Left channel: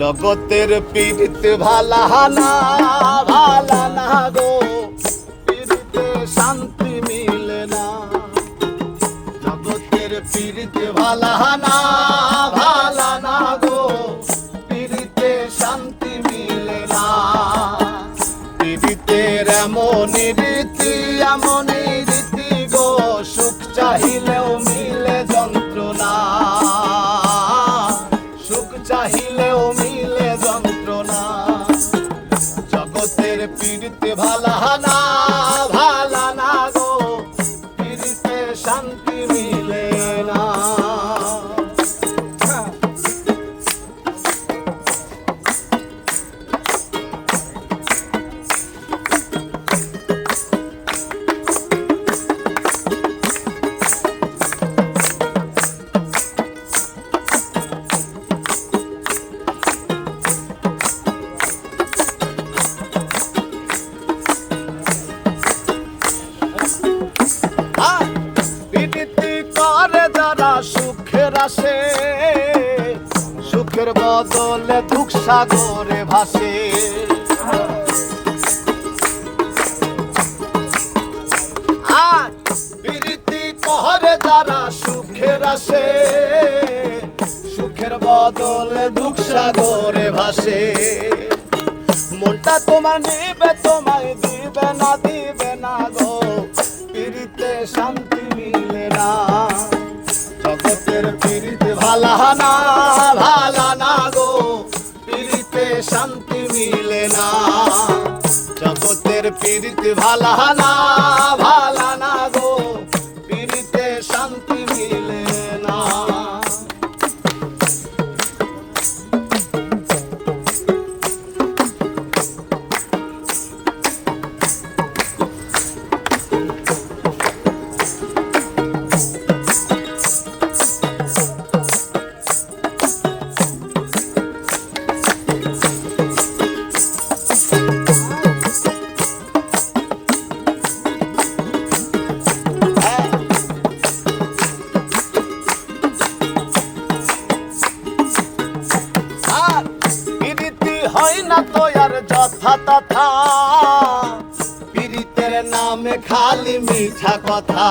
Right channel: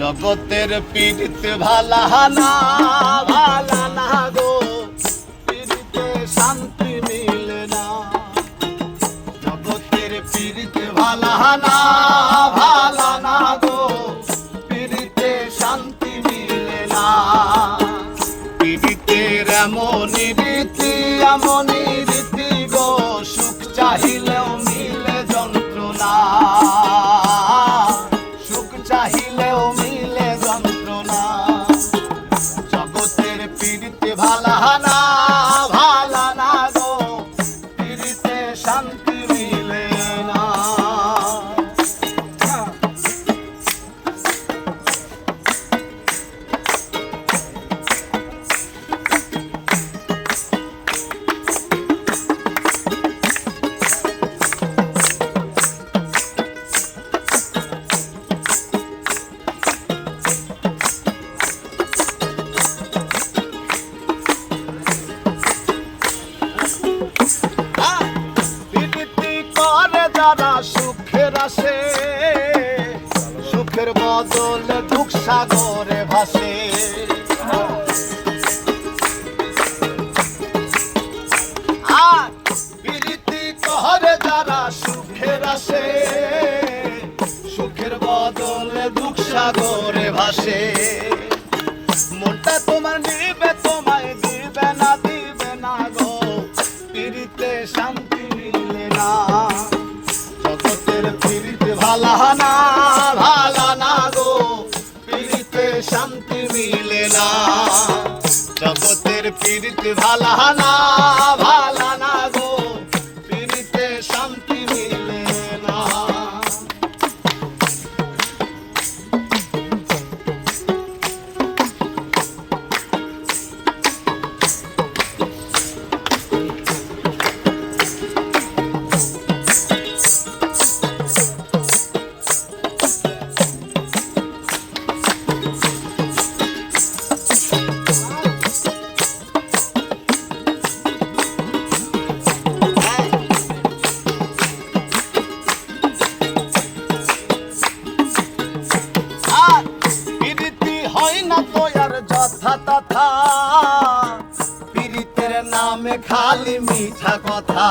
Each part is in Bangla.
জগতের পীড়িত ভালা না ভালা না গো, পীড়িতে শান্তি মিলে না। জগতের পীড়িত ভালা না ভালা না গো, পীড়িতে শান্তি মিলে না। পীড়িতের এমন রীতি এমন রীতি গো, সুখ চাহিলেও মিলে যন্ত্রণা, সুখ চাহিলেও মিলে যন্ত্রণা। জগতের পীড়িতে ভালা না ভালা না গো, পীড়িতে শান্তি মিলে না। সুখের আসে সুখের বদলে দুঃখ সাগরে ভাসে। আর প্রীতি করে যারা সুখের আসে সুখের বদলে দুঃখ সাগরে ভাসে। মনটা তোমার নিবে তোমায় দিবে না গো, প্রীতিতে শান্তি মিলে না। জগতের পীড়িত ভালা না ভালা না গো, পীড়িতে শান্তি মিলে না। জগতের পীড়িত ভালা না ভালা না গো, পীড়িতে শান্তি মিলে না। হয় না তো আর যথা তথা, পীড়িতের নামে খালি মিঠা কথা।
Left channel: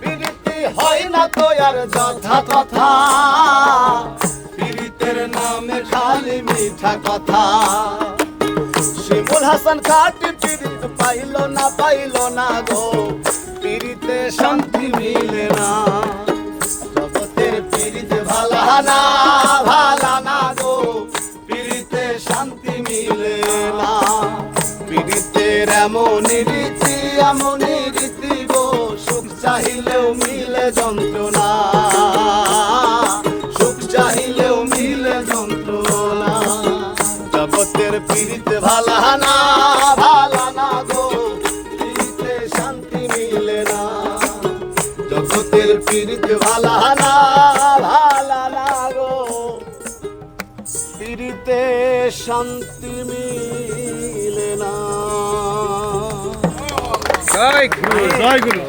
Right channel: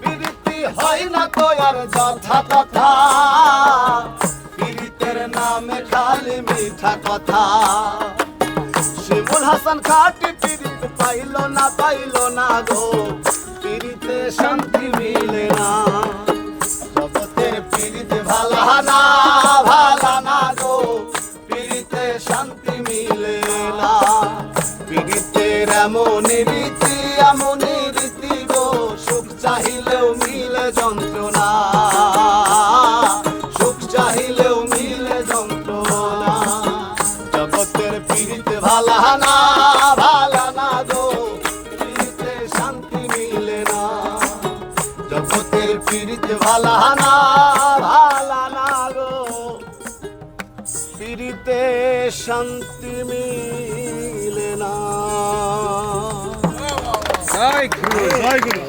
পীড়িতি হয় না তো আর যথা তথা, পীড়িতের নামে খালি মিঠা কথা। শিমুল হাসান খাটি পীড়িত পাইল না গো, পীড়িতে শান্তি মিলে না। জগতের পীড়িত ভালা না ভালা না গো, পীড়িতে শান্তি মিলে না। পীড়িতের এমন রীতি গো, সুখ চাহিলেও মিলে যন্ত্রণা, সুখ চাহিলেও মিলে যন্ত্রণা। জগতের পীড়িত ভালা না ভালা না গো, পীড়িতে শান্তি মিলে না। জগতের পীড়িত ভালা না ভালা না গো, পীড়িতে শান্তি মিলে না। জয় গুরু, জয় গুরু।